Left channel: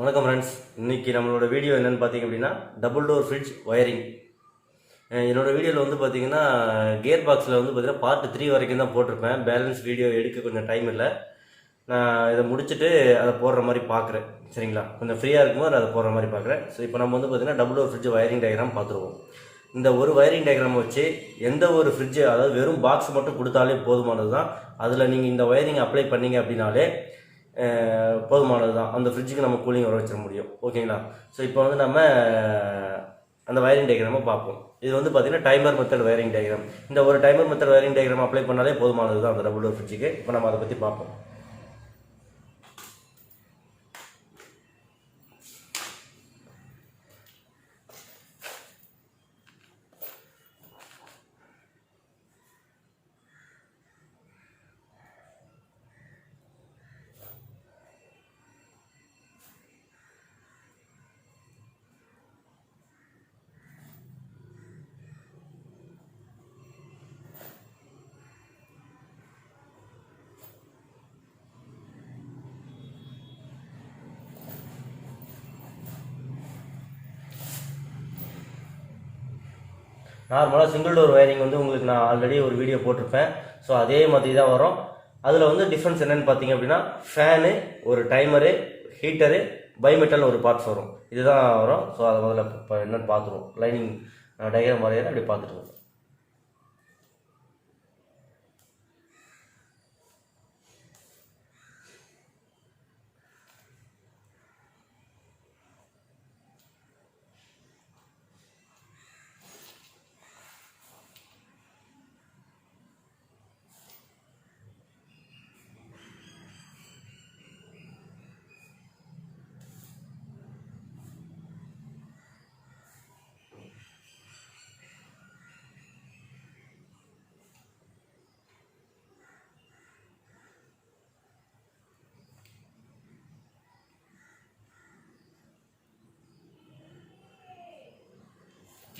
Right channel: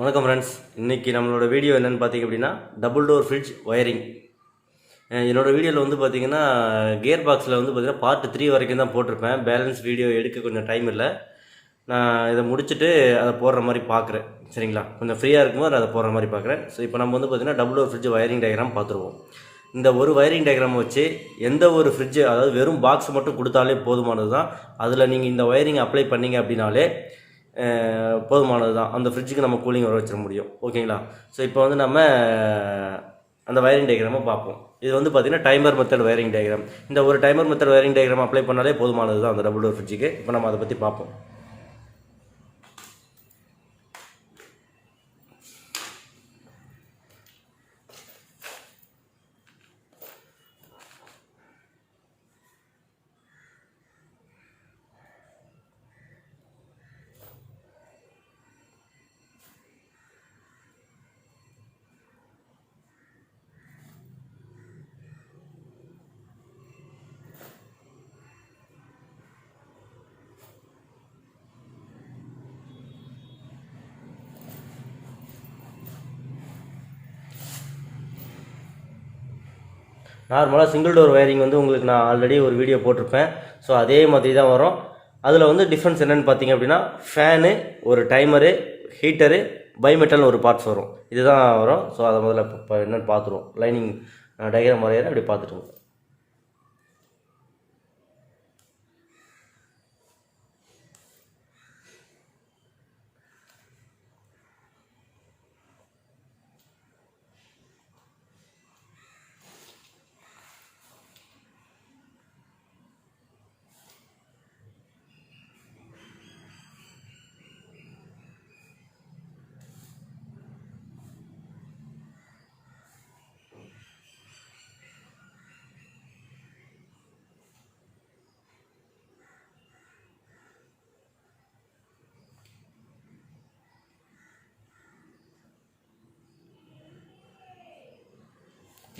வணக்கம் ஃப்ரெண்ட்ஸ். இன்றைக்கி நம்மளோட வீடியோ என்னென்னு பார்த்திங்க அப்படின்னா டபுள் டோர் ஃப்ரிட்ஜ் ஒயரிங். என்னோடய வீடியோவில் வந்து பார்த்திங்கன்னா கியர் பாக்ஸில் வந்து பார்த்திங்கன்னா பார்ட் 3 வரைக்கும் தான் போட்டிருப்பேன். பேலன்ஸ் வீடியோ எடுக்க கொஞ்சம் டைம் இல்லை. நான் இதை முடிச்சுட்டு அதை போடுற மாதிரி பார்க்குறேன். சரிங்களா, கொஞ்சம் ஃப்ரீயாக இருக்கும்போது அதை போடுற மாதிரி பார்க்குறேன். ஸோ இப்போ நம்ம வந்து பார்த்திங்கன்னா double door fridge wiring diagram பார்த்துருவோம். இந்த ஒரு ஒயரிங் டயக்ராம் வச்சு எந்த ஒரு ஃப்ரிட்ஜு, அதாவது வெறும் பாக்ஸ் மட்டும் கொடுத்தாலே போதுமானது தான். அதில் நீங்கள் இந்த ஒயரிங் அப்ளை பண்ணிங்க அப்படின்னாலே போதுமானது தான். அந்த ஃப்ரிட்ஜுக்கு நம்ம கூலிங் வர வச்சிட முடியும். ஓகேங்களா. ஸோ இப்போ வந்து நம்ம அந்த வயரிங் டயக்ராமை பார்ப்போம். இது வந்து பார்த்திங்கன்னா டைமர் மெத்தட் வயரிங் டயக்ராம். இந்த ஒரு timer method wiring diagram apply பண்ணாலே போதுமானது தான் அந்த டபுள் டோர் ஃப்ரிட்ஜுக்கு. இப்போ நம்ம அதை பற்றி பார்ப்போம். நார்மலாக சிங்கிள் டோர் ஒயரிங் வந்து உங்களுக்கு நான் ஆல்ரெடி ஒரு வீடியோ போட்டிருப்பேன். ஸோ அதே மாதிரி தான் வரும். அதில் வந்து டிஃப்ரென்ஸ் என்னென்னு பார்த்தீங்க அப்படின்னா ஃபேனு, ஒரு டைமரு, ஹீட்டரு, பைமெட்டல்னு ஒரு பார்ட்ஸ் வரும். இதுதான் வரும். ஸோ அதை முதல்ல இப்போ என்னென்னு பார்த்துருவோம். லைனிங் டயக்ராம் வரையிற அப்படி பார்த்துருவோம்.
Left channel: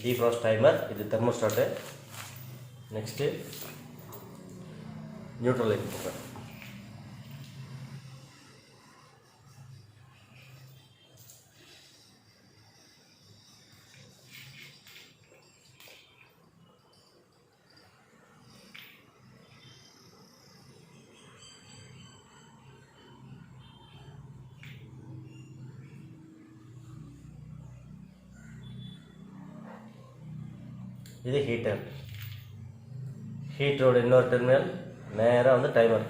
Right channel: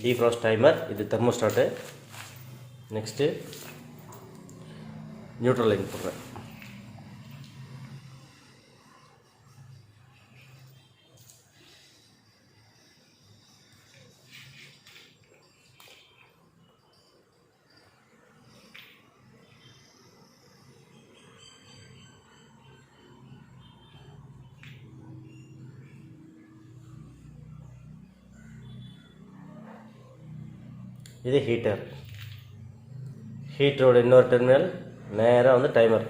டீஃப்ராஸ்ட் டைமர், இது தெர்மோஸ்டாட்டு. நெக்ஸ்ட்டு நியூட்ரல் லைன் போடுறேன். இது ஹீட்டர். ஹீட்டரோட இன்னொரு டெர்மினல் நேராக வந்து டைமர்.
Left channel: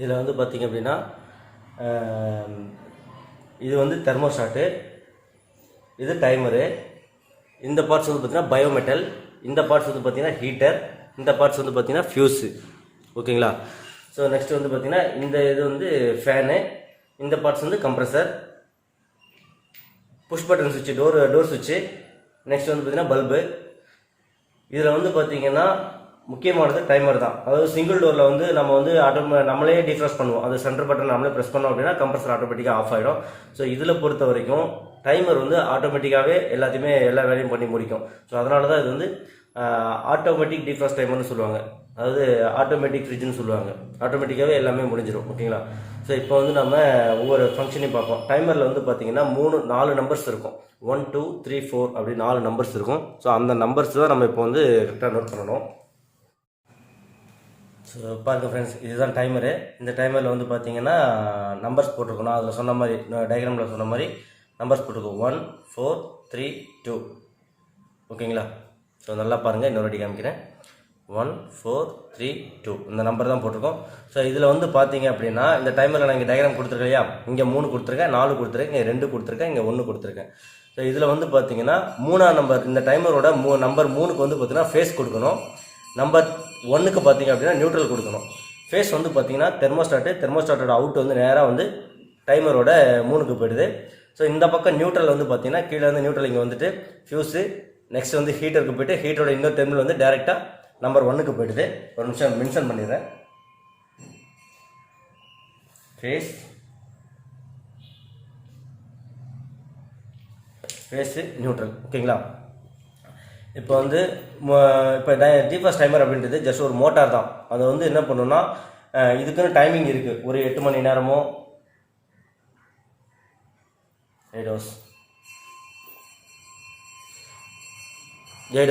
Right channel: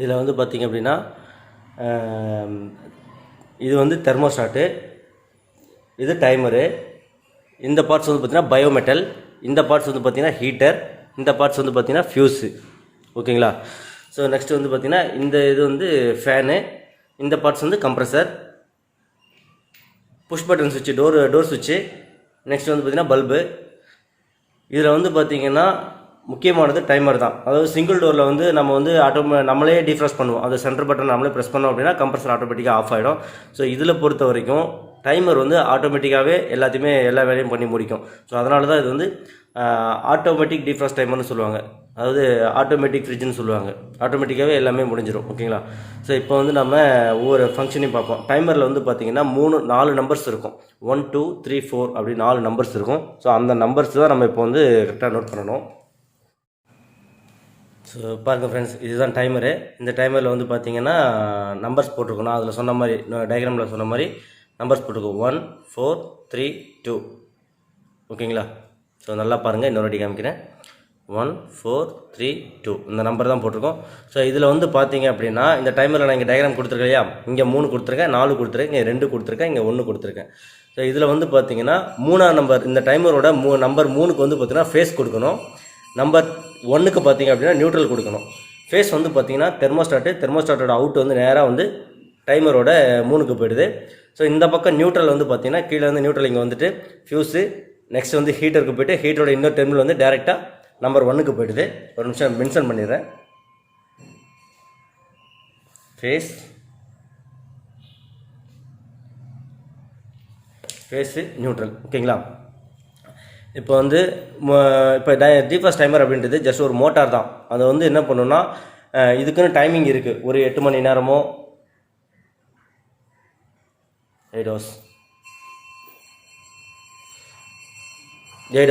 இதில் வந்து பார்த்திங்க அப்படின்னா இது வந்து தெர்மோஸ்டாட்டு, இது டைமரு. இந்த பார்ட்ஸ் வந்து பார்த்திங்கன்னா பயோமெட்டல், இந்த பார்ட்ஸ் வந்து பார்த்திங்கன்னா ஹீட்டர், இந்த பார்ட்ஸ் வந்து பார்த்திங்கன்னா ஃபியூஸு. ஓகேங்களா? ஸோ நெக்ஸ்ட் வந்து பார்த்திங்கன்னா இந்த இது வந்து ஃபேனு, இந்த பார்ட்ஸ் வந்து கம்ப்ரஸர், புஷ் பட்டன் சுவிட்சு, டோர் சுவிட்சு. நெக்ஸ்ட் வந்து பார்த்திங்கன்னா பல்பு. இதில் வந்து பார்த்திங்கன்னா முக்கியமானது டைமர் தான். அதாவது சிங்கிள் டோரில் வந்து நம்ம வந்து நம்மளே டிஃப்ராஸ்ட் பண்ணுவோம். அந்த சென்டர் பட்டன் நம்மளே ப்ரெஸ் பண்ணோம் அப்படின்னா கம்ப்ரஸர் ஆட்டோமேட்டிக்காக ஆஃப் ஆகிடும். ஸோ இதில் பொறுத்த வரைக்கும் டைமர் வந்து ஆட்டோமேட்டிக்காகவே எல்லா வேலையும் பண்ணி முடிக்கும். ஸோ அதனால தான் இது வந்து ஆட்டோமேட்டிக் டிஃப்ராஸ்ட் டைமர்னு சொல்லுவாங்க. அதாவது ஆட்டோமேட்டிக் ஃப்ரிட்ஜ்னு சொல்லுவாங்க. ஆட்டோமேட்டிக்காகவே எல்லாமே முடிஞ்சிடும். ஓகேங்களா? ஸோ இப்போ வந்து நம்ம ஒவ்வொரு ஃபங்க்ஷனையும் பார்ப்போம். டைமரில் வந்து பார்த்திங்கன்னா 4 நம்பர்ஸ் இருக்கும். 1 2 3 4 அப்படி 4 நம்பர்ஸ் இருக்கும். ஸோ அந்த நம்பர்ஸ் தான் நம்ம இப்போ வந்து கரெக்டாக நோட் பண்ணணும். ஸோ பாருங்கள் ஃப்ரெண்ட்ஸ், இதுதான் டைமரு. இந்த டைமரில் வந்து பார்த்திங்கன்னா நம்பர்ஸ் போட்டிருக்கோம். நான் அதில் சொன்ன மாதிரி, டயக்ராமில் சொன்ன மாதிரி நம்பர்ஸ் போட்டிருக்கோம். 1 4 3 2. ஓகேங்களா? ஸோ நல்லா பாருங்கள், இன்னொரு வாட்டி காமிக்கிறேன். 1 4 3 2 இந்த நம்பர் தான் போட்டிருக்கோம். ஸோ இதில் வந்து பார்த்தீங்க அப்படின்னா இந்த டைமரில் நான் இங்கே டயக்ராம் கொடுத்துருக்கேன் இல்லையா? இங்கே 3 கொடுத்துருக்கேன், 4 கொடுத்துருக்கேன், இங்கே 2 கொடுத்துருக்கேன், இங்கே 1 கொடுத்துருக்கேன். ஸோ இதில் வந்து பார்த்தீங்கன்னா 3ஆம் நம்பர், இந்த டைமரோட நம்பர் 3க்கு வந்து பார்த்தீங்கன்னா ஃபேஸ் கொடுக்கணும். நம்பர் 1க்கு பார்த்தீங்க அப்படின்னா நியூட்ரல் கொடுக்கணும். ஃபேஸ் வந்து பார்த்தீங்கன்னா தெர்மோஸ்டாட்டோட அவுட் வந்து நேராக வந்து டைமரோட 3க்கு போயிடுது. ஸோ இந்த பக்கம் நியூட்ரல் வந்து பார்த்தீங்கன்னா கீழே வந்து நியூட்ரல் இங்கே வந்துட்டு ஃபியூஸு, நெக்ஸ்ட் வந்து ஹீட்டருக்கு போய்ட்டு ஹீட்டரோட இன்னொரு டெர்மினல் வந்து டேரெக்டாக நம்பர் 1க்கு போயிடுது. ஒரு நிமிஷம் மென்ஷன் பண்ணிடுறேன். Phase neutral. ஓகேங்களா? இப்போ வந்து இப்போ டிஃப்ராஸ்ட் டைமர் அப்படின்றது ஜஸ்ட் ஒரு மோட்டார் தான். அது வந்து என்ன பண்ணுன்னா இதுக்குன்னு டைமிங் இருக்குது. ஒரு 8 மணி நேரமோ 8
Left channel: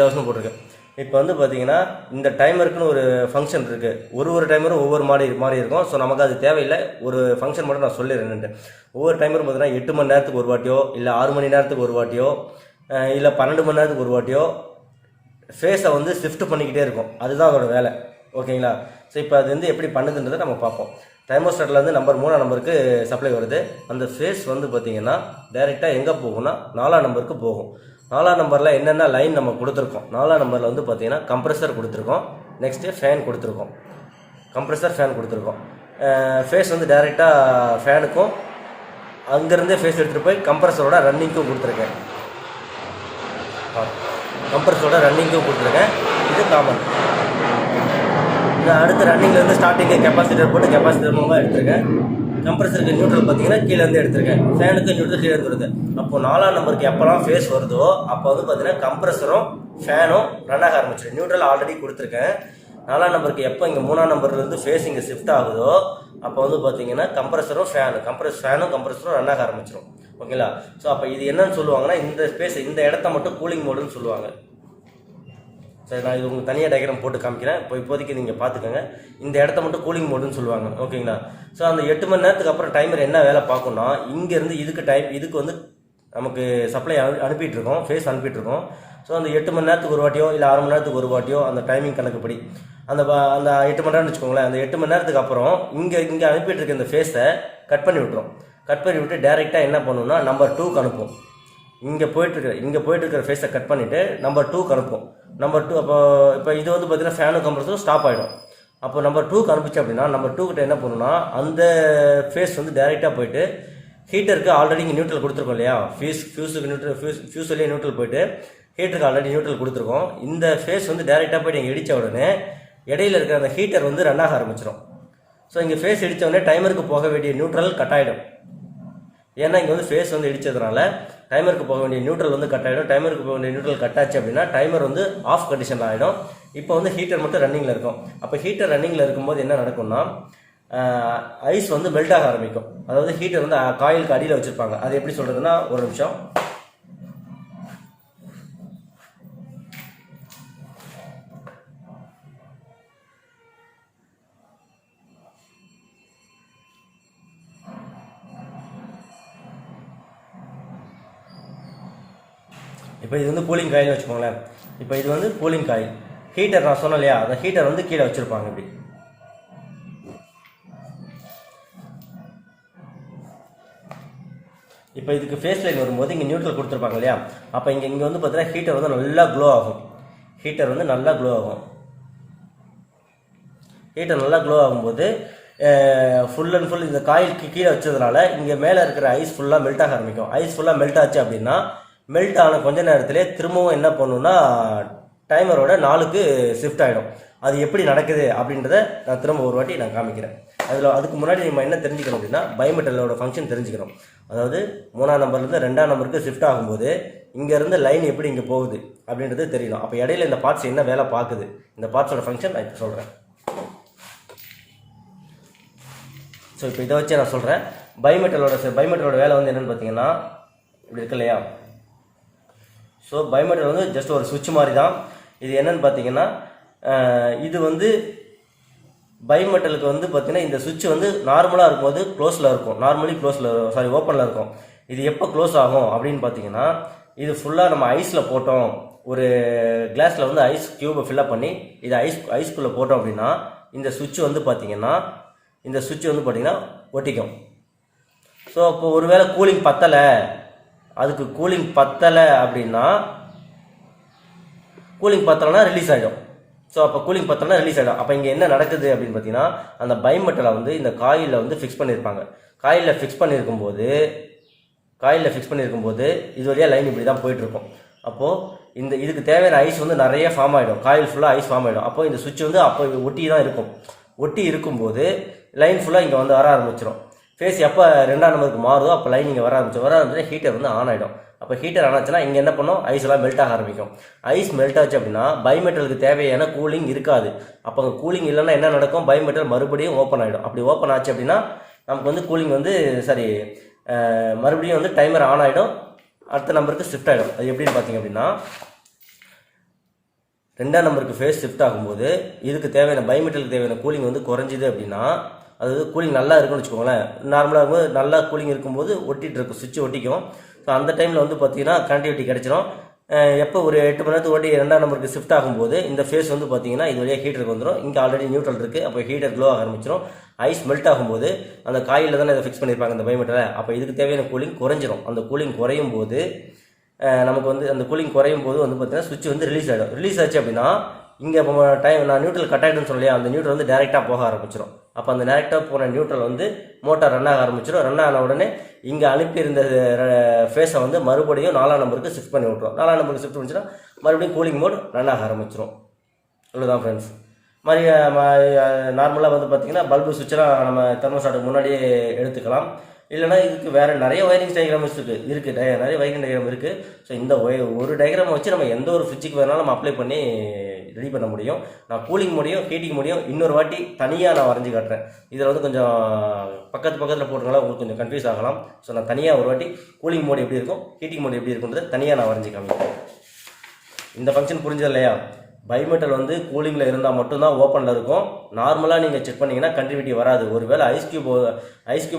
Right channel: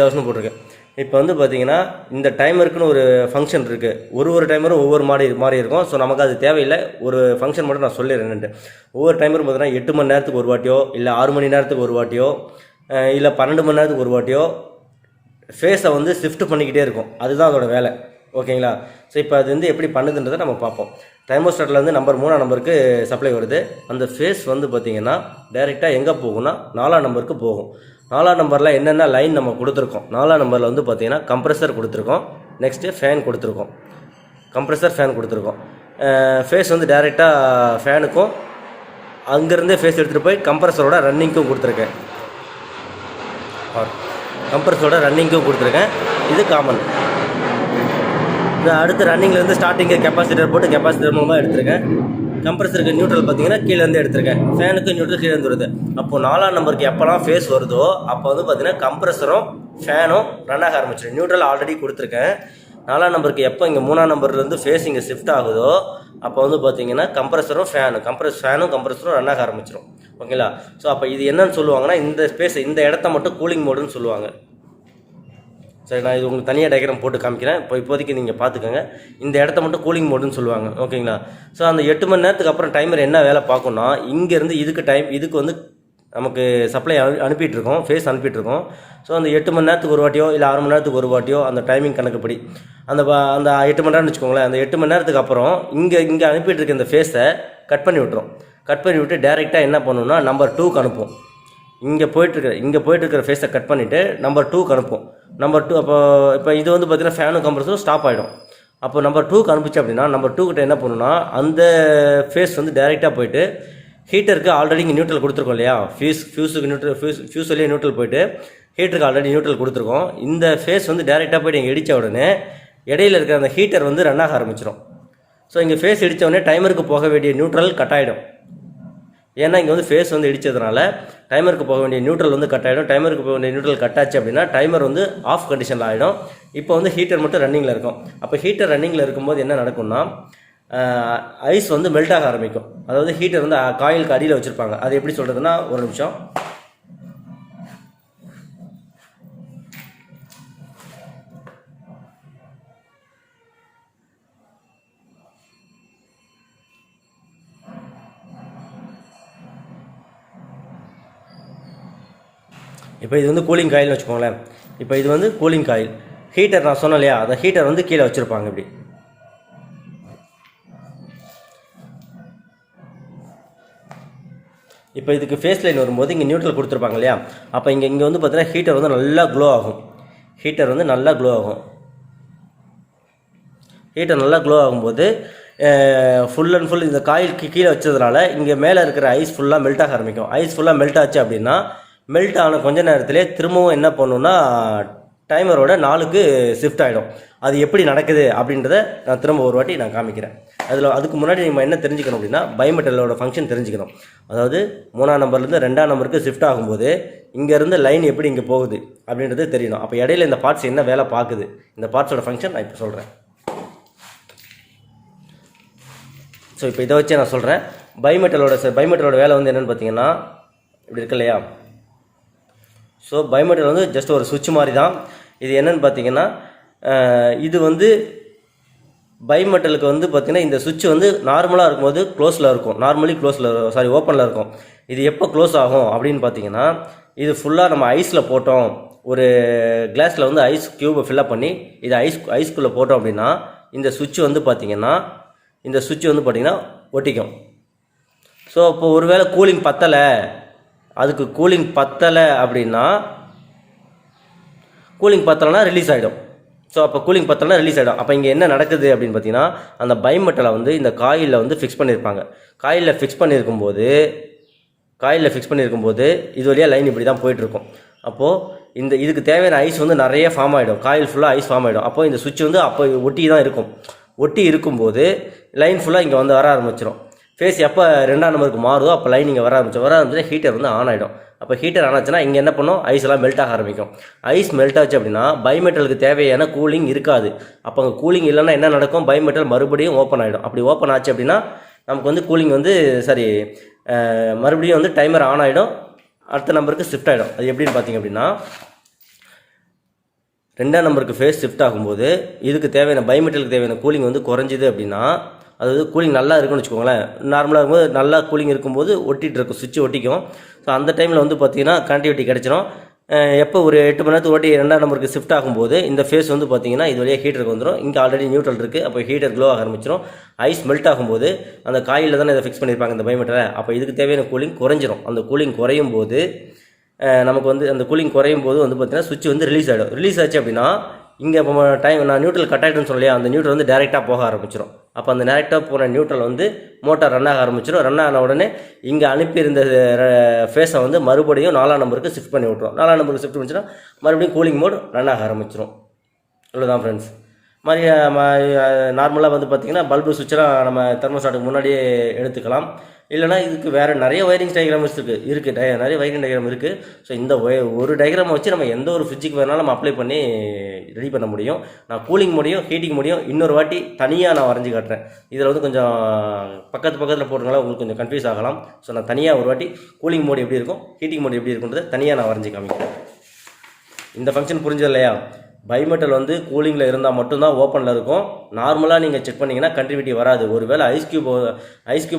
ஹவர்ஸ்னு போட்டிருக்கேன். இப்போ வந்து பார்த்தீங்கன்னா இந்த டைமருக்குன்னு ஒரு ஃபங்க்ஷன் இருக்குது. ஒரு டைமரும் ஒவ்வொரு மாதிரி இருக்கும். ஸோ நமக்கு அது தேவையில்லை. ஒரு ஃபங்க்ஷன் மட்டும் நான் சொல்லிடுறேன்ட்டு. ஒவ்வொரு டைமரும் பார்த்தீங்கன்னா 8 மணி நேரத்துக்கு ஒரு வாட்டியோ, இல்லை 6 மணி நேரத்துக்கு ஒரு வாட்டியோ, இல்லை 12 மணி நேரத்துக்கு ஒரு வாட்டியோ ஃபேஸை வந்து ஷிஃப்ட் பண்ணிக்கிட்டே இருக்கும். அதுதான் அதோட வேலை. ஓகேங்களா? ஸோ இப்போ அது வந்து எப்படி பண்ணுதுன்றதை நம்ம பார்ப்போம். தெர்மோஸ்டாட்டில் வந்து நம்பர் 3ஆம் நம்பருக்கு சப்ளை வருது. அந்த ஃபேஸ் வந்து பார்த்திங்கன்னா டைரெக்டாக எங்கே போகும்னா 4ஆம் நம்பருக்கு போகும். 4ஆம் நம்பரில் என்னென்ன லைன் நம்ம கொடுத்துருக்கோம். 4ஆம் நம்பரில் வந்து பார்த்திங்கன்னா கம்ப்ரெசர் கொடுத்துருக்கோம், நெக்ஸ்ட்டு ஃபேன் கொடுத்துருக்கோம். கம்ப்ரெசர் ஃபேன் கொடுத்துருக்கோம். ஃபேஸ் வந்து டைரெக்டாக ஃபேனுக்கும் அங்கேருந்தே ஃபேஸ் எடுத்துகிட்டு போய் கம்ப்ரெசரோட ரன்னிங்க்கும் கொடுத்துருக்கேன். கம்ப்ரெசரோட ரன்னிங்க்கும் கொடுத்துருக்கேன். இது காமன். இது அடுத்து ரன்னிங்லேருந்து ஸ்டார்டிங்கு கெப்பாசிட்டர் போட்டு கெப்பாசிட்டர் மூலமாக எடுத்திருக்கேன். கம்ப்ரெசருக்கு நியூட்ரல் பார்த்தீங்கன்னா கீழேருந்து எடுத்திருக்கேன். ஃபேனுக்கு நியூட்ரல் கீழே வருது. அப்போது 4ஆம் நம்பருக்கு எப்போல்லாம் ஃபேஸ் வருதோ அப்போ வந்து பார்த்தீங்கன்னா கம்ப்ரெசரும் ஃபேனும் ரன் ஆக ஆரம்பிச்சிடும். நியூட்ரல் ஆல்ரெடி கொடுத்துருக்கேன். 4ஆம் நம்பருக்கு எப்போ இங்கே 3ஆம் நம்பர்லேருந்து ஃபேஸ் இங்கே ஷிஃப்ட் ஆகுதோ அப்போ வந்து பார்த்தீங்கன்னா கம்ப்ரெசரும் ஃபேனும் கம்ப்ரெசரும் ரன் ஆக ஆரம்பிச்சிடும். ஓகேங்களா? ஸோ அப்போ இது என்னன்னு சொல்லுவாங்கன்னா இந்த ஸ்பேஸ், இந்த இடத்த மட்டும் கூலிங் மோடுன்னு சொல்லுவாங்க. சரி, நான் இது உங்களுக்கு தனியாக டயக்ராம் போட்டு காமிக்கிறேன். இப்போதைக்கு நீங்கள் பார்த்துக்கோங்க. இந்த இடத்த மட்டும் கூலிங் மோடுன்னு சொல்லுவாங்க. ஓகேங்களா? ஸோ அந்த 8 மணி நேரத்துக்கு அப்புறம் டைமர் என்ன வேலை பார்க்கணும்னா இங்கேருந்து இதுக்கு வந்து நமக்கு சப்ளை அனுப்பிட்டுருக்கோம், ஃபேஸ் அனுப்பிட்டுருக்கோம். ஸோ அந்த 8 மணி நேரத்துக்கு ஒரு வாட்டியோ இல்லை 6 மணி நேரத்துக்கு ஒரு வாட்டியோ அந்த டைமிங் கணக்குப்படி அந்த 8 மணி நேரம்னு வச்சுக்கோங்களேன். அந்த 8 மணி நேரத்துக்கு அப்புறம் இங்கே அனுப்பிட்டு இருக்க இந்த ஃபேஸை கட் பண்ணி விட்டுரும். கட் பண்ணி விட்டு டேரெக்டாக என்ன பண்ணணும்னா நம்பர் 2க்கு அனுப்பும். இங்கே போயிட்டுருக்கிற ஃபேஸை கட் பண்ணிவிட்டு நம்பர் 2க்கு அனுப்பும். நம்பர் 2 இப்போ இது வந்து பார்த்தீங்கன்னா ஃபேனும் கம்ப்ரெசரும் ஸ்டாப் ஆகிடும். அப்போ நம்பர் 2க்கு அனுப்பிச்சு அப்படின்னா நம்பர் 2 கிட்ட என்ன பண்ணணும்னா அந்த ஃபேஸ் வந்து டேரெக்டாக போயிட்டு ஹீட்டருக்கு ஆல்ரெடி இங்கே நியூட்ரல் கொடுத்துருக்கோம் இல்லையா? ஃபியூஸ் வழியாக நியூட்ரல் போயிட்டு ஹீட்டருக்கு ஆல்ரெடி நியூட்ரல் கொடுத்துருக்கோம். இந்த ஃபேஸ் வந்து டேரெக்டாக போய்ட்டு இங்கே இடித்த உடனே இடையில இருக்கிற அந்த ஹீட்டர் வந்து ரன் ஆக ஆரம்பிச்சிடும். ஸோ இங்கே ஃபேஸ் இடித்த உடனே டைமருக்கு போக வேண்டிய நியூட்ரல் கட் ஆகிடும். ஏன்னா இங்கே வந்து ஃபேஸ் வந்து இடித்ததுனால டைமருக்கு போக வேண்டிய நியூட்ரல் வந்து கட் ஆகிடும். டைமருக்கு போக வேண்டிய நியூட்ரல் கட் ஆச்சு அப்படின்னா டைமர் வந்து ஆஃப் கண்டிஷனில் ஆகிடும். இப்போ வந்து ஹீட்டர் மட்டும் ரன்னிங்கில் இருக்கும். அப்போ ஹீட்டர் ரன்னிங்கில் இருக்கும்போது என்ன நடக்கும்னா ஐஸ் வந்து மெல்ட் ஆக ஆரம்பிக்கும். அதாவது ஹீட்டர் வந்து காயிலுக்கு அடியில் வச்சுருப்பாங்க. அது எப்படி சொல்கிறதுனா ஒரு நிமிஷம். இப்போ இது வந்து கூலிங் காயில்னு வச்சுக்கோங்களேன். இப்போ இது வந்து கூலிங் காயில். ஹீட்டர் நான் சொன்னேன் இல்லையா? அந்த ஹீட்டர் வந்து கீழே வச்சுருப்பாங்க. இப்படி இப்போ இதுக்கு ஃபேஸ் லைன் வரும்போது இங்கே நியூட்ரல் கொடுத்துருப்பாங்க இல்லையா, அப்போ இங்கே வந்து பார்த்தீங்கன்னா ஹீட்டர் வந்து நல்லா க்ளோ ஆகும். ஹீட்டர் நல்லா க்ளோ ஆகும்போது ஃபுல் அண்ட் ஃபுல் இந்த காயில் கீழே வச்சதுனால இங்கே மேலே இருக்கிற ஐஸ் ஃபுல்லாக மெல்ட் ஆக ஆரம்பிக்கும். ஐஸ் ஃபுல்லாக மெல்ட் ஆச்சு அப்படின்னா மெல்ட் ஆன கொஞ்ச நேரத்திலே திரும்பவும் என்ன பண்ணுன்னா டைமரோட 4க்கு ஷிஃப்ட் ஆகிடும். அது எப்படி நடக்குது அப்படின்றத நான் திரும்ப ஒரு வாட்டி நான் காமிக்கிறேன். அதுக்கு முன்னாடி நம்ம என்ன தெரிஞ்சுக்கணும் அப்படின்னா பைமெட்டலோட ஃபங்க்ஷன் தெரிஞ்சுக்கணும். அதாவது 3ஆம் நம்பர்லேருந்து 2ஆம் நம்பருக்கு ஷிஃப்ட் ஆகும்போது இங்கேருந்து லைன் எப்படி இங்கே போகுது அப்படின்றது தெரியணும். அப்போ இடையில இந்த பார்ட்ஸ் என்ன வேலை பார்க்குது, இந்த பார்ட்ஸோட ஃபங்க்ஷன் நான் இப்போ சொல்கிறேன். ஸோ இப்போ இதை வச்சு நான் சொல்கிறேன். பைமெட்டலோட வேலை வந்து என்னென்னு பார்த்தீங்கன்னா இப்படி இருக்கு இல்லையா. ஸோ பைமெட்டல் வந்து ஜஸ்ட் ஒரு சுவிட்ச் மாதிரி தான். இது என்னென்னு பார்த்தீங்கன்னா இது வந்து பைமெட்டலுக்கு வந்து பார்த்தீங்கன்னா இந்த சுவிட்ச் வந்து நார்மலாக இருக்கும்போது ஓப்பனில் இருக்கும். இது எப்போ க்ளோஸ் ஆகும் அப்படின்னு பார்த்தீங்கன்னா இது ஃபுல்லாக நம்ம ஐஸில் போட்டோம், ஒரு கிளாஸில் வந்து ஐஸ் க்யூபை ஃபில்லப் பண்ணி இது ஐஸ்குள்ளே போட்டோம் அப்படின்னா இந்த சுவிட்ச் வந்து பார்த்தீங்கன்னா ஒட்டிக்கும். ஸோ இப்போ ஒருவேளை கூலிங் பத்தலை அப்படின்னா ரிலீஸ் ஆகிடும். ஸோ அப்போ கூலிங் பத்தலைனா ரிலீஸ் ஆகிடும். அப்போ இங்கே என்ன நடக்குது அப்படின்னு பார்த்தீங்கன்னா அந்த பைமெட்டலை வந்து இந்த காயிலில் வந்து ஃபிக்ஸ் பண்ணியிருப்பாங்க. காயிலில் ஃபிக்ஸ் பண்ணியிருக்கும்போது இது வழியாக லைன் இப்படி தான் போயிட்டுருக்கும். அப்போது இதுக்கு தேவையான ஐஸ் வந்து நிறைய ஃபார்ம் ஆகிடும். காயில் ஃபுல்லாக ஐஸ் ஃபார்ம் ஆகிடும். அப்போது இந்த சுவிட்ச் வந்து அப்போ ஒட்டி இருக்கும்போது லைன் ஃபுல்லாக இங்கே வந்து வர ஆரம்பிச்சிடும். ஃபேஸ் எப்போ 2ஆம் நம்பருக்கு மாறுதோ அப்போ லைன் இங்கே வர ஆரம்பிச்சு ஹீட்டர் வந்து ஆன் ஆகிடும். அப்போ ஹீட்டர் ஆனாச்சுன்னா இங்கே என்ன பண்ணும், ஐஸ் எல்லாம் மெல்ட் ஆக ஆரம்பிக்கும். ஐஸ் மெல்ட் ஆச்சு அப்படின்னா பைமெட்டலுக்கு தேவையான கூலிங் இருக்காது. அப்போ அங்கே கூலிங் இல்லைன்னா என்ன நடக்கும், பைமெட்டல் மறுபடியும் ஓப்பன் ஆகிடும். அப்படி ஓப்பன் ஆச்சு அப்படின்னா நமக்கு வந்து கூலிங் வந்து மறுபடியும் வந்து டைமர் ஆன் ஆகிடும், அடுத்த நம்பருக்கு ஷிஃப்ட் ஆகிடும். அது எப்படின்னு பார்த்தீங்க அப்படின்னா 2ஆம் நம்பருக்கு ஃபேஸ் ஷிஃப்ட் ஆகும்போது இதுக்கு தேவையான பைமெட்டலுக்கு தேவையான கூலிங் வந்து குறைஞ்சிது அப்படின்னா, அதாவது கூலிங் நல்லா இருக்குன்னு வச்சுக்கோங்களேன். நார்மலாக இருக்கும்போது நல்லா கூலிங் இருக்கும்போது சுவிட்ச் ஒட்டிக்கும். ஸோ அந்த டைமில் வந்து பார்த்தீங்கன்னா கனெக்டிவிட்டி கிடச்சிடும். எப்போ ஒரு 8 மணி நேரத்துக்கு ஓட்டி 2ஆம் நம்பருக்கு ஷிஃப்ட் ஆகும்போது இந்த ஃபேஸ் வந்து பார்த்தீங்கன்னா இது வழியாக ஹீட்டருக்கு வந்துடும். இங்கே ஆல்ரெடி நியூட்ரல் இருக்குது. அப்போ ஹீட்டர் க்ளோ ஆக ஆரம்பிச்சிடும். ஐஸ் மெல்ட் ஆகும்போது அந்த காயில் தானே இதை ஃபிக்ஸ் பண்ணியிருப்பாங்க இந்த பைமெட்டலை. அப்போ இதுக்கு தேவையான கூலிங் குறைஞ்சிரும். அந்த கூலிங் குறையும் போது நமக்கு வந்து அந்த கூலிங் குறையும் போது வந்து பார்த்தீங்கன்னா சுவிட்ச் வந்து ரிலீஸ் ஆகிடும். ரிலீஸ் ஆச்சு அப்படின்னா இங்கே இப்போ நான் நியூட்ரல் கட் ஆகிடுன்னு சொல்லலையா, அந்த நியூட்ரல் வந்து டேரெக்டாக போக ஆரம்பிச்சிடும். அப்போ அந்த டேரெக்டாக போன நியூட்ரல் வந்து மோட்டார் ரன் ஆக ஆரம்பிச்சிடும். ரன் ஆன உடனே இங்கே அனுப்பியிருந்த ஃபேஸை வந்து மறுபடியும் 4ஆம் நம்பருக்கு ஷிஃப்ட் பண்ணி விட்ருவோம். 4ஆம் நம்பருக்கு ஷிஃப்ட் பண்ணிச்சுன்னா மறுபடியும் கூலிங் மோட் ரன் ஆக ஆரம்பிச்சிடும். இவ்வளோதான் ஃப்ரெண்ட்ஸ். நார்மலாக வந்து பார்த்திங்கன்னா பல்பு சுவிட்செலாம் நம்ம தெர்மோஸ்டாட்டுக்கு முன்னாடியே எடுத்துக்கலாம். இல்லைனா இதுக்கு வேறு நிறைய ஒயரிங் டயக்ராம்ஸ் இருக்குது நிறைய ஒயரிங் டயக்ராம் இருக்குது. ஸோ இந்த ஒரு டயக்ராமை வச்சு நம்ம எந்த ஒரு ஃப்ரிட்ஜுக்கு வேணாலும் நம்ம அப்ளை பண்ணி ரெடி பண்ண முடியும். நான் கூலிங் மோடையும் ஹீட்டிங் மோடையும் இன்னொரு வாட்டி தனியாக நான் வரைஞ்சி காட்டுறேன். இதில் வந்து கொஞ்சம் பக்கத்தில் போட்டுங்களா உங்களுக்கு கொஞ்சம் கன்ஃபியூஸ் ஆகலாம். ஸோ நான் தனியாக ஒரு வாட்டி கூலிங் மோடு எப்படி இருக்கும், ஹீட்டிங் மோடு எப்படி இருக்குன்றதை தனியாக நான் வரைஞ்சி காமிக்கிறேன். இந்த ஃபங்க்ஷன் புரிஞ்சது இல்லையா? பைமெட்டல் வந்து கூலிங்கில் இருந்தால் மட்டும்தான் ஓப்பனில் இருக்கும். நார்மலாக நீங்கள் செக் பண்ணிங்கன்னா கண்டினியூட்டி வராது. ஒருவேளை ஐஸ் கியூப்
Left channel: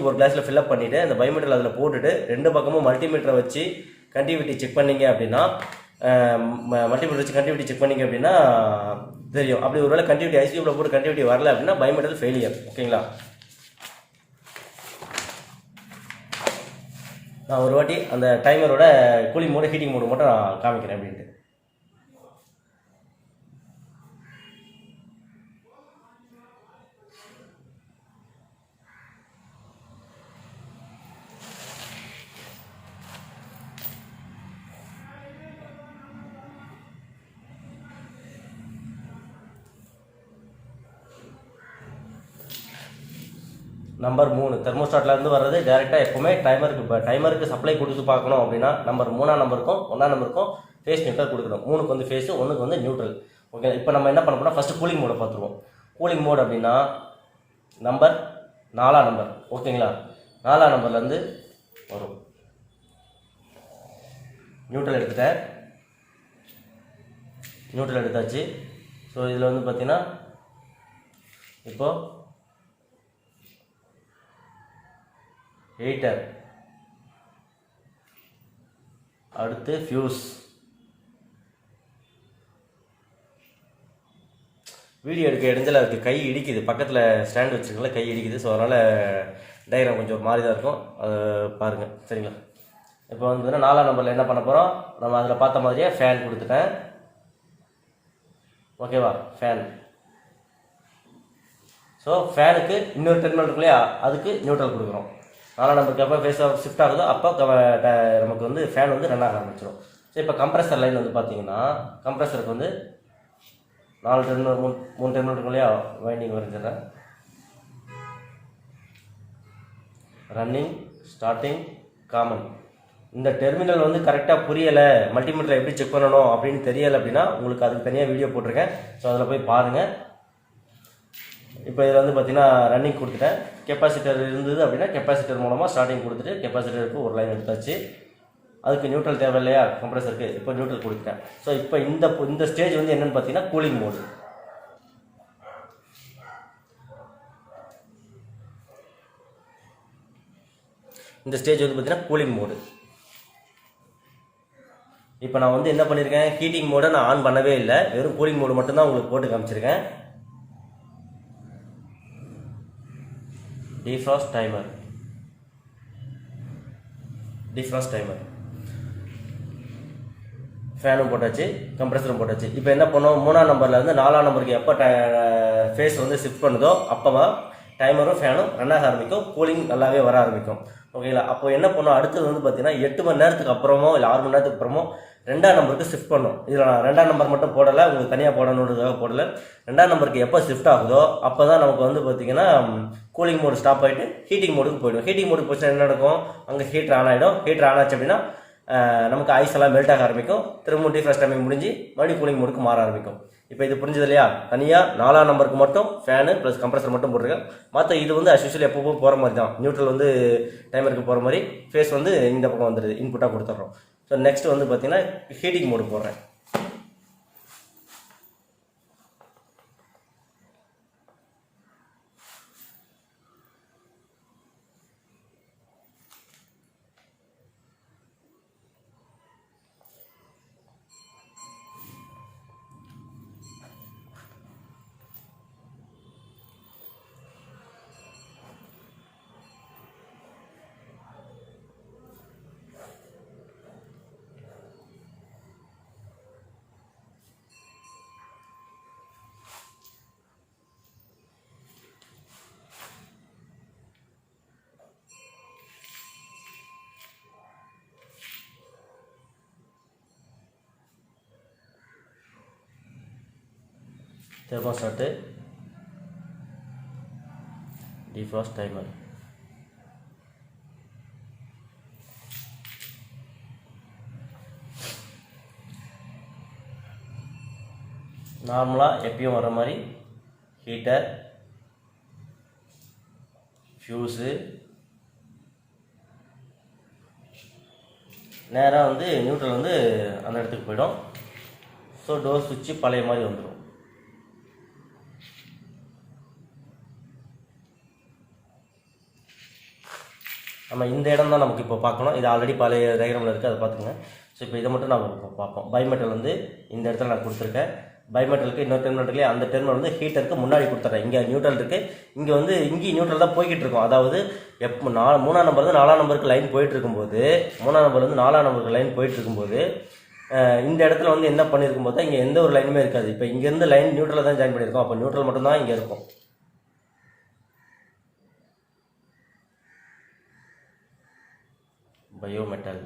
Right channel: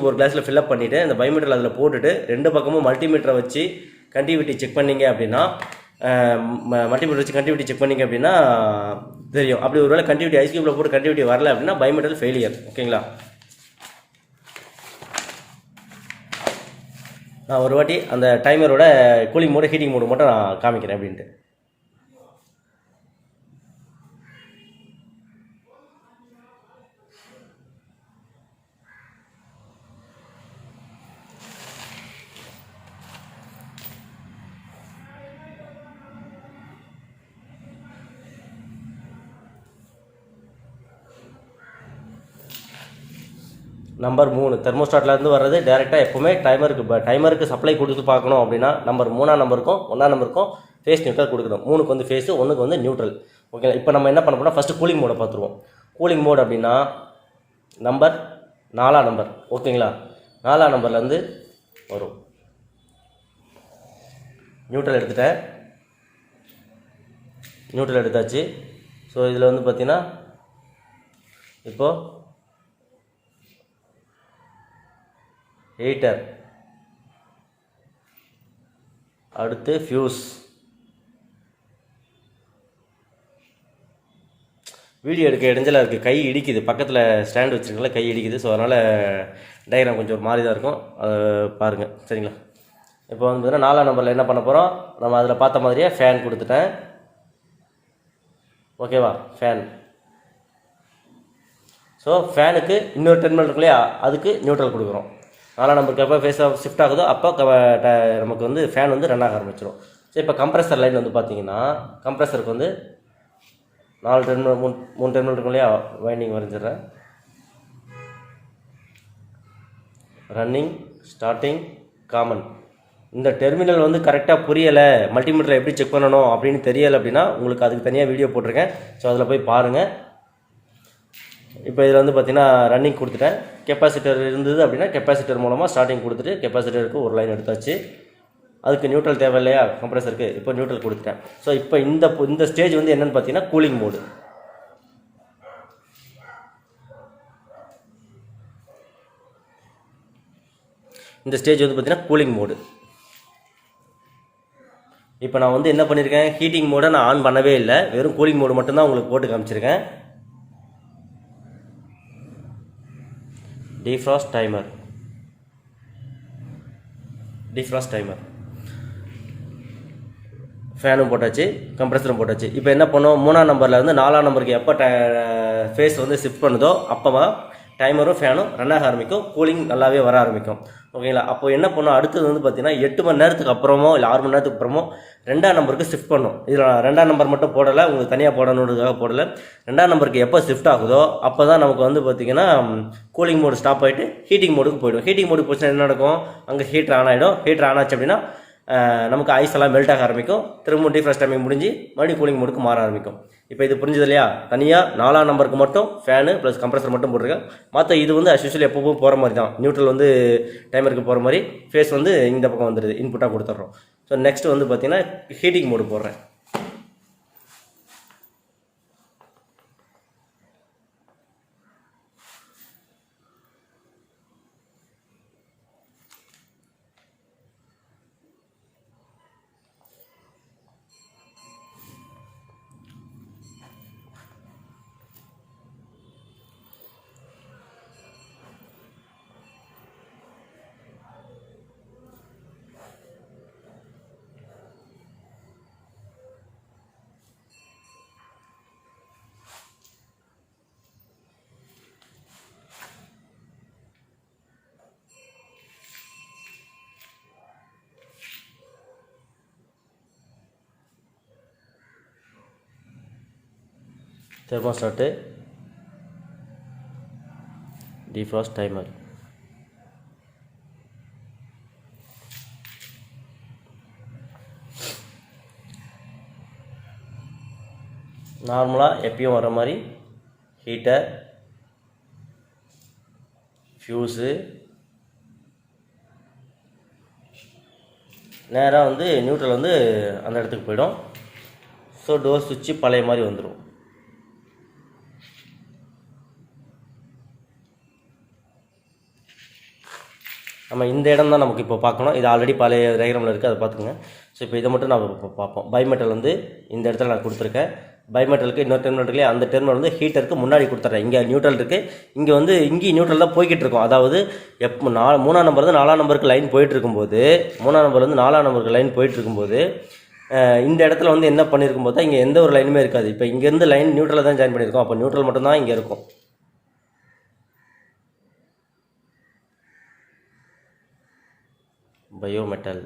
ஒரு கிளாஸில் ஃபில்அப் பண்ணிவிட்டு அந்த பைமெட்டல் அதில் போட்டுட்டு 2 பக்கமும் மல்டிமீட்டரை வச்சு கண்டினியூட்டி செக் பண்ணிங்க அப்படின்னா தெரியும். அப்படி ஒருவேளை கண்டினியூட்டி ஐஸ் கியூப்பில் போட்டு கண்டினியூட்டி வரல அப்படின்னா பைமெட்டல் ஃபெயிலியர். ஓகேங்களா? நான் ஒரு வாட்டி அந்த டைமரோட கூலிங் மோடு ஹீட்டிங் மோடு மட்டும் நான் காமிக்கிறேன் அப்படின்ட்டு. நம்பர் 3 தெர்மோஸ்டாட்லேருந்து வர்றது டேரெக்டாக எப்போவுமே டைமருக்கு சப்ளை கொடுத்து பார்க்கணும் அப்படின்னா நம்பர் 3ஆம் நம்பருக்கும் 1ஆம் நம்பருக்கும் ஃபேஸ் நியூட்ரல் கொடுக்கணும். 3க்கு வந்து ஃபேஸு, 1க்கு வந்து நியூட்ரல். ஓகே, இப்போ நம்ம என்ன பண்ண போனால் ஃபஸ்ட்டு கூலிங் மோடை பார்த்துருவோம். கூலிங் மோட் அப்படின்னா நம்பர் 4ஆம் நம்பர். ஓகேங்களா? 4ஆம் நம்பர்லேருந்து வரும். நியூட்ரல் எடுத்தாச்சு. ஸோ இதில் வந்து பார்த்தீங்கன்னா இப்போது ஹீட்டர், அடுத்து ஃபியூஸ். வீடியோ எடுக்க இடைஞ்சலாக இருக்குது, கை இடிக்குது. பக்கத்தில் ஸ்டாண்ட் வச்சுருக்கல, கை இடிக்குது. ஸோ அதனால் டயக்ராம் கொஞ்சம் மாறி தான் இருக்கும், அதை பாருங்கள். சரிங்களா? இப்போ வந்து 4ஆம் நம்பரில் என்ன பண்ண போகிறோம், நம்ம அதில் பார்த்த மாதிரியே ஃபேன் கொடுத்துட்டேன். ஓகேவா, ஃபேன். ஸோ ஃபேனுக்கு இன்னொரு டெர்மினல் இருக்கு இல்லையா, அதுக்கு நியூட்ரல் கொடுக்குறோம். 4ஆம் நம்பருக்கு எப்போ ஃபேஸ் ஷிஃப்ட் ஆகுதோ அப்போ நமக்கு வந்து ஃபேன் வந்து ரன் ஆக ஆரம்பிச்சிடும். ஸோ இப்போ கம்ப்ரஸர் லைன் வந்து பார்த்தீங்கன்னா, கம்ப்ரஸருக்கு வந்து 4 டெர்மினல் 3 டெர்மினல் இருக்கும் இல்லையா, வைண்டிங் வரைஞ்சிடுறேன். Running, starting, common. இந்த டெர்மினல் வந்து கரெக்டாக புரியலை, மல்டிமீட்டரில் எப்படி செக் பண்ணணும் அப்படின்னு தெரியலை அப்படின்னா உங்களுக்கு அதுக்கு தனியாக வீடியோ போட்டிருக்கேன். ஸோ அதில் போய் பாருங்கள். இப்போ இதில் வந்து பார்த்தீங்கன்னா ரன்னிங் கொடுத்துட்டேன். கெப்பாசிட்டர் இருந்தது அப்படின்னா கெப்பாசிட்டர் மூலமாக ஸ்டார்டிங் கொடுத்துட்டு கெப்பாசிட்டருக்கு ஒரு லைன் எடுத்தாச்சு. அதுக்கு நியூட்ரல் தேவை இல்லையா கம்ப்ரஸருக்கு, இப்போ நியூட்ரல் கொடுத்துட்டேன். ஸோ இப்போ இந்த ஸ்டேஜ் வந்து என்னென்னு பார்த்தீங்கன்னா கூலிங் மோடு. இந்த ஸ்டேஜ் வந்து பார்த்தீங்கன்னா கூலிங் மோடு. இப்போ நான் வந்து என்ன பண்ணியிருக்கேன், ஹீட்டிங் மோடை நான் ஆன் பண்ணவே இல்லை, வெறும் கூலிங் மோடு மட்டும்தான் உங்களுக்கு போட்டு காமிச்சிருக்கேன். Defrost timer, defrost timer. ஃபேனும் போட்டாச்சு, கம்ப்ரஸரும் போட்டாச்சு. இப்போ என்ன பண்ணோம், 3ஆம் நம்பரில் இருந்து 4ஆம் நம்பருக்கு எப்போ ஃபேஸ் வந்து ஷிஃப்ட் பண்ணுதோ அப்போ டைமரும் ஃபேனும் ரன் ஆக ஆரம்பிக்கும், கூலிங் நல்லாவே வர ஆரம்பிக்கும். ஓகேங்களா. அப்போ என்ன பண்ணோம், அடுத்தது வந்து பார்த்தீங்கன்னா 8 மணி நேரத்துக்கு அப்புறமோ இல்லை 6 மணி நேரத்துக்கு அப்புறமோ 2ஆம் நம்பருக்கு ஷிஃப்ட் பண்ணும். இதில் 2ஆம் நம்பர் மட்டும் போடலை, உங்களுக்கு தனியாக போடணுன்றதுக்காக போடலை. 2ஆம் நம்பருக்கு எப்போ ஷிஃப்ட் ஆகுதோ அப்போ தான் நமக்கு வந்து பார்த்தீங்கன்னா கூலிங் மோடு ஸ்டாப் ஆகிட்டு ஹீட்டிங் மோடுக்கு போய்டும். ஹீட்டிங் மோடுக்கு போச்சுன்னா என்ன நடக்கும், அங்கே ஹீட்டர் ஆன் ஆகிடும். ஹீட்டர் ஆன் ஆச்சு அப்படின்னா நமக்கு ஐஸ் எல்லாம் மெல்ட் ஆக ஆரம்பிக்கும். திரும்ப டிஃப்ராஸ்ட் டைமிங் முடிஞ்சு மறுபடியும் கூலிங் மோடுக்கு மாற ஆரம்பிக்கும். இப்போ இது புரிஞ்சது இல்லையா, தனியாக 4ஆம் நம்பருக்கு மட்டும் ஃபேனு ப்ளஸ் கம்ப்ரஸர் மட்டும் போட்டிருக்கேன். மற்ற இது வந்து அஸ்யூஷுவல் எப்பவும் போகிற மாதிரி தான், நியூட்ரல் வந்து டைமருக்கு போகிற மாதிரி ஃபேஸ் வந்து இந்த பக்கம் வந்துடுது, இன்புட்டாக கொடுத்துட்றோம். ஸோ நெக்ஸ்ட் வந்து பார்த்தீங்கன்னா ஹீட்டிங் மோடு போடுறேன். Thermostat, defrost timer. நார்மலாக எப்பயும் வர மாதிரி ஹீட்டர், ஃபியூஸு, நேராக வந்து நியூட்ரல் வந்து அந்த இடத்துக்கு போயிடும். ஸோ டோர் சுவிட்சு பழைய மாதிரி வந்துடும். நம்ம இந்த இடம் தான் நமக்கு இப்போ பார்க்கணும். இது ஆல்ரெடி பழைய டயக்ராமில் இருக்குது, அதை பார்த்துங்க. ஸோ இப்போ இதை மட்டும் நம்ம இப்போ பார்ப்போம். பைமெட்டல் வந்து இந்த இடத்துல நான் கொடுத்துருக்கேன். பைமெட்டலுக்கு இன்னொரு டெர்மினல் இருக்குல்லையே, அந்த டெர்மினல் வந்து ஹீட்டருக்கு முன்னாடி கொடுத்துட்றேன். இங்கே நியூட்ரல் இருக்குது, இங்கே வந்து இங்கேயும் நியூட்ரல் தான் போய்கிட்டு இருக்கும். அதாவது எப்போ 3ஆம் நம்பர் வந்து 4ஆம் நம்பருக்கு லைன் போயிட்டு இருக்கும்போது, 3ஆம் நம்பர் வந்து 4ஆம் நம்பருக்கு லைன் போயிட்டு இருக்கும்போது இந்த இடத்துல வந்து என்ன பண்ணியிருக்கும் போது இங்கே எந்த ஒரு லைனுமே இருக்காது. இப்போ இங்கேருந்து லைன் நியூட்ரலில் தான் ஜாயின் பண்ணியிருக்கோம். அப்போ நியூட்ரல் மட்டும்தான் இங்கே இருக்கும். Bimetal,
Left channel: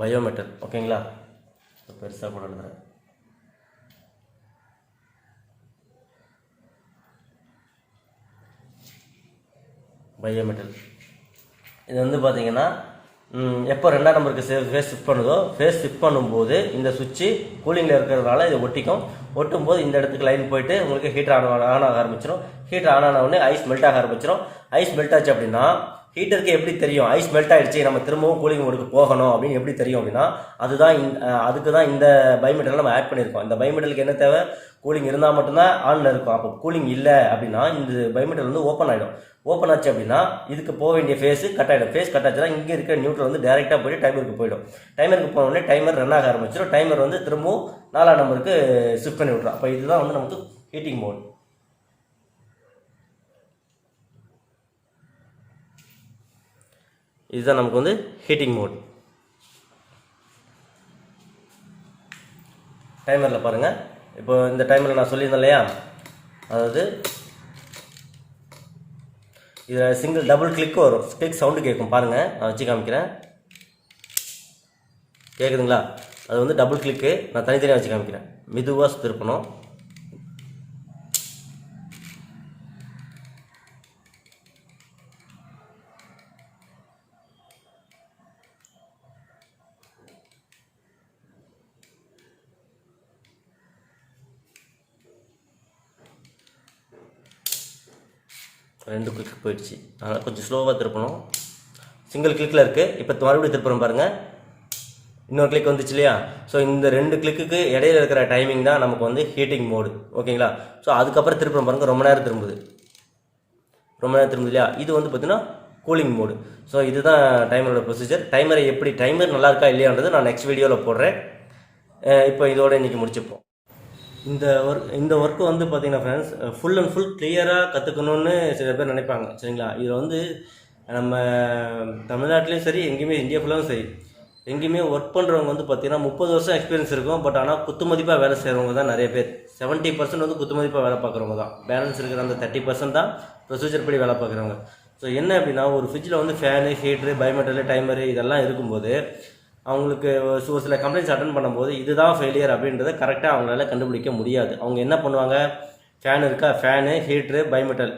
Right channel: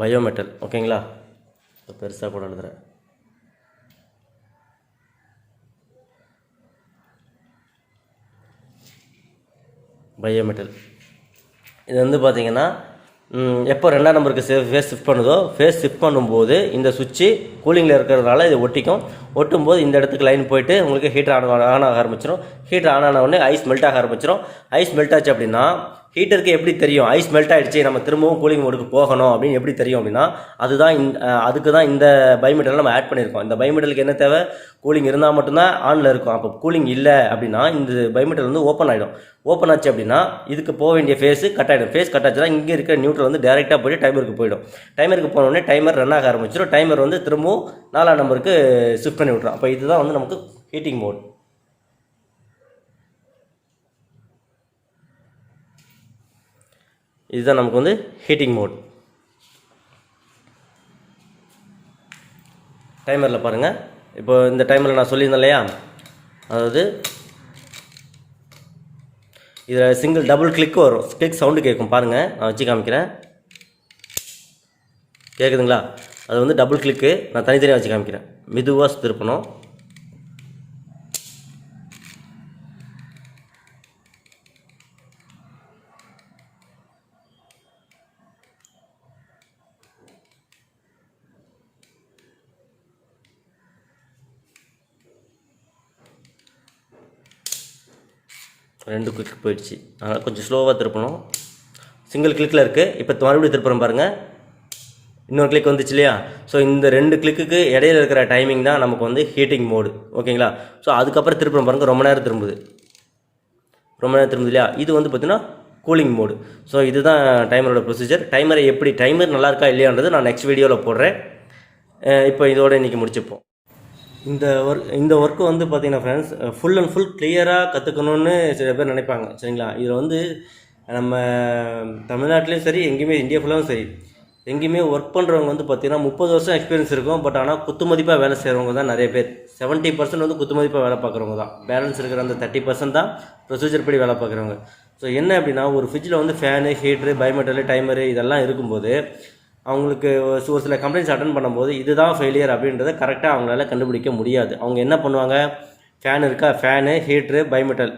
bimetal. ஓகேங்களா, பெருசாக கூட எழுதுறேன். பயோமெட்டல் இது வந்து பார்த்தீங்கன்னா எப்போ 2ஆம் நம்பருக்கு ஃபேஸ் ஷிஃப்ட் பண்ணுதோ, ஃபேஸ் ஷிஃப்ட் பண்ணும்போது இந்த சுவிட்சு கூலிங்கில் இருக்கிறதுனால இது ஒட்டிக்கும். ஒட்டும்போது இந்த இடத்துக்கு லைன் போயிட்டு உங்களுக்கு ஹீட்டர் ஆன் ஆக ஆரம்பிச்சிடும். ஹீட்டர் ஆன் ஆன உடனே ஐஸ் மெல்ட் ஆக ஆரம்பிச்சிடும். ஐஸ் மெல்ட் ஆச்சு அப்படின்னா ஹீட்டருக்கு எப்படி தெரியும் ஐஸ் மெல்ட் ஆகிடுச்சு, நம்ம திரும்பவும் கூலிங் மோடுக்கு போகணும் அப்படின்னு எப்படி தெரியும் அப்படின்னா, அதுக்கு தான் இந்த பைமெட்டலை நம்ம ஆட் பண்ணியிருக்கோம். இந்த பைமெட்டலுக்கு என்ன தேவை, கூலிங் இருந்தால் மட்டும்தான் ஆனில் இருக்கும். அப்போ கூலிங் இல்லை அப்படின்னா இந்த பைமெட்டல் வந்து ஓப்பன் ஆகிடும். ஓப்பன் ஆச்சு அப்படின்னா இதுக்கு போக வேண்டிய ஃபேஸு கட் ஆகிடும். ஃபேஸ் கட் ஆச்சுன்னா இங்கே இருக்கிற நியூட்ரல் வந்து டேரெக்டாக போய்ட்டு டைமருக்கு போயிடும். டைமருக்கு போனோடனே டைமர் ரன் ஆக ஆரம்பிச்சிடும். டைமர் வந்து திரும்பவும் 4ஆம் நம்பருக்கு ஷிஃப்ட் பண்ணி விட்ரும். அப்போ இதுதான் வந்து நமக்கு ஹீட்டிங் மோட். இதுதான் நமக்கு வந்து ஹீட்டிங் மோட். டைமரில் பாருங்கள், இப்போ இந்த டைமரில் நான் சொல்லியிருந்தேன் இல்லையா, அதாவது இதில் சிங்கிள் டபுள் கிளிக் வரும், கிளிக் சவுண்டு கேட்கும் பாருங்கள், நான் வச்சு காமிக்கிறேன். கேட்குதுங்களா? அது வந்து டபுள் கிளிக்கு. நான் தனித்தனியாக வச்சு காமிக்கிறேன். மெதுவாக திருப்பணும். ரெண்டு கிளிக் போயிடுச்சு, அதனால் கொஞ்சம் ஸ்லோவாக திருப்பணும். சிங்கிள் கிளிக்கில் இருக்குது. இப்போ மறுபடியும் திருப்புறோம் பாருங்கள், இன்னொரு கிளிக் வந்துச்சு இல்லையா. ஸோ இந்த 2 கிளிக்கு இடையில இருக்கிற டைமிங் தான் நமக்கு வந்து ஹீட்டிங் மோடு. ஓகேங்களா? ஸோ அதுக்கப்புறம் திருப்புறோம் பாருங்கள், ரொம்ப நேரம் திரும்புது இல்லையா. இது வந்து பார்த்தீங்கன்னா கூலிங் மோடு. ஸோ இதுதான் டைமரோட ப்ரொசீஜர். டைமரை எப்படி, டைமர் நல்லா இருக்கா இல்லையான்றது நான் நெக்ஸ்ட் வீடியோவில் போடுறேன். இப்போ இதோட இன்றைக்கி முடிச்சுப்போம். இந்த ஒர்க்கு வந்து பார்த்தீங்கன்னா ஃப்ரெண்ட்ஸ், ஃபுல் அண்ட் ஃபுல் கிளியராக கற்றுக்கணுன்னு சில பேர் நினைப்பாங்க. சரிங்களா? இதில் வந்து நம்ம தமிழ்நாட்டிலையும் சரி, எங்கேயுமே இந்தியா ஃபுல்லாகவும் சரி, எங்கேயுமே ஒர்க் பண்ணுறவங்க வந்து பார்த்திங்கன்னா 30 வருஷம் எக்ஸ்பீரியன்ஸ் இருக்கும். பட் ஆனால் குத்துமதிப்பாக வேலை செய்கிறவங்க தான் நிறைய பேர். 70% வந்து குத்துமதிப்பாக வேலை பார்க்குறவங்க தான். பேலன்ஸ் இருக்கிற அந்த 30% தான் ப்ரொசீஜர் படி வேலை பார்க்குறவங்க. ஸோ என்ன அப்படின்னா, ஒரு ஃப்ரிட்ஜில் வந்து ஃபேனு, ஹீட்ரு, பயோமெட்டலு, டைமரு இதெல்லாம் இருக்கும்போது அவங்களுக்கு ஒரு சில கம்ப்ளைண்ட்ஸ் அட்டன் பண்ணும்போது இதுதான் ஃபெயிலியர் அப்படின்றத கரெக்டாக அவங்களால கண்டுபிடிக்க முடியாது. அவங்க என்ன பண்ணுவாங்க, ஃபேன் இருக்கா, ஃபேனு, ஹீட்ரு, பயோமெட்டல்,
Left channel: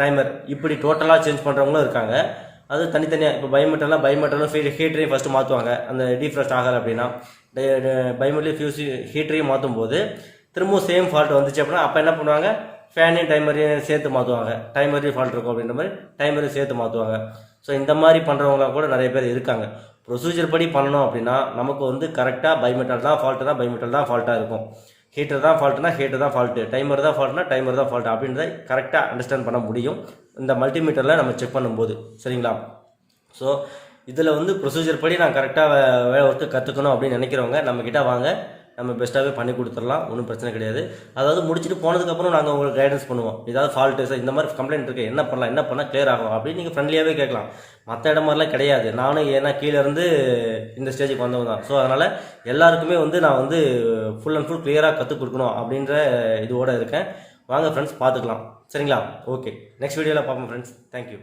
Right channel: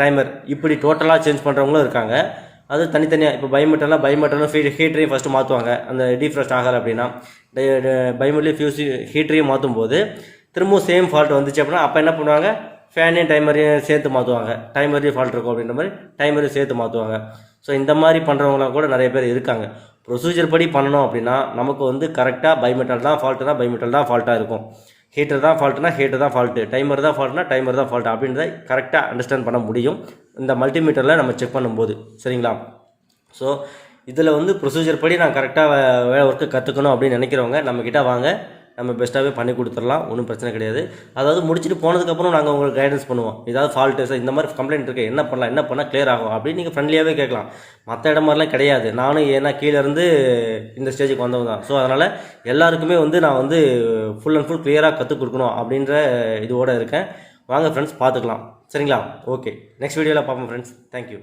டைமர் இப்படி டோட்டலாக சேஞ்ச் பண்ணுறவங்களும் இருக்காங்க. அது தனித்தனியாக. இப்போ பயோமெட்டலும் ஹீட்டரையும் ஃபஸ்ட்டு மாற்றுவாங்க. அந்த டீஃப்ராஸ்ட் ஆகலை அப்படின்னா பயோமெட்டலையும் ஹீட்டரையும் மாற்றும் போது திரும்பவும் சேம் ஃபால்ட் வந்துச்சு அப்படின்னா அப்போ என்ன பண்ணுவாங்க, ஃபேனையும் டைமரையும் சேர்த்து மாற்றுவாங்க. டைமரையும் ஃபால்ட் இருக்கும் அப்படின்ற மாதிரி டைமரையும் சேர்த்து மாற்றுவாங்க. ஸோ இந்த மாதிரி பண்ணுறவங்களாம் கூட நிறைய பேர் இருக்காங்க. ப்ரொசீஜர் படி பண்ணணும் அப்படின்னா நமக்கு வந்து கரெக்டாக பயோமெட்டல் தான் ஃபால்ட்டுனா பயோமெட்டல் தான் ஃபால்ட்டாக இருக்கும், ஹீட்டர் தான் ஃபால்ட்டுனா ஹீட்டர் தான் ஃபால்ட்டு, டைமர் தான் ஃபால்ட்னா டைமர் தான் ஃபால்ட் அப்படின்றத கரெக்டாக அண்டர்ஸ்டாண்ட் பண்ண முடியும் இந்த மல்டிமீட்டரில் நம்ம செக் பண்ணும்போது. சரிங்களா? ஸோ இதில் வந்து ப்ரொசீஜர் படி நான் கரெக்டாக வேலை ஒர்க்கு கற்றுக்கணும் அப்படின்னு நினைக்கிறவங்க நம்மக்கிட்ட வாங்க, நம்ம பெஸ்ட்டாகவே பண்ணி கொடுத்துடலாம். ஒன்றும் பிரச்சனை கிடையாது. அதாவது முடிச்சுட்டு போனதுக்கப்புறம் நாங்கள் உங்களுக்கு கைடன்ஸ் பண்ணுவோம். ஏதாவது ஃபால்ட்டு சார் இந்த மாதிரி கம்ப்ளைண்ட் இருக்குது, என்ன பண்ணால் கிளியர் ஆகும் அப்படின்னு நீங்கள் ஃப்ரெண்ட்லியாகவே கேட்கலாம். மற்ற இடம் மாதிரிலாம் கிடையாது. நானும் ஏன்னா கீழேருந்து இந்த ஸ்டேஜுக்கு வந்தவங்க தான். ஸோ அதனால் எல்லாருக்குமே வந்து நான் வந்து ஃபுல் அண்ட் ஃபுல் கிளியராக கற்றுக் கொடுக்கணும் அப்படின்ற இதோடு இருக்கேன். வாங்க ஃப்ரெண்ட்ஸ், பார்த்துக்கலாம். சரிங்களா? ஓகே, நெக்ஸ்ட் வீடியோவில் பார்ப்போம் ஃப்ரெண்ட்ஸ். தேங்க்யூ.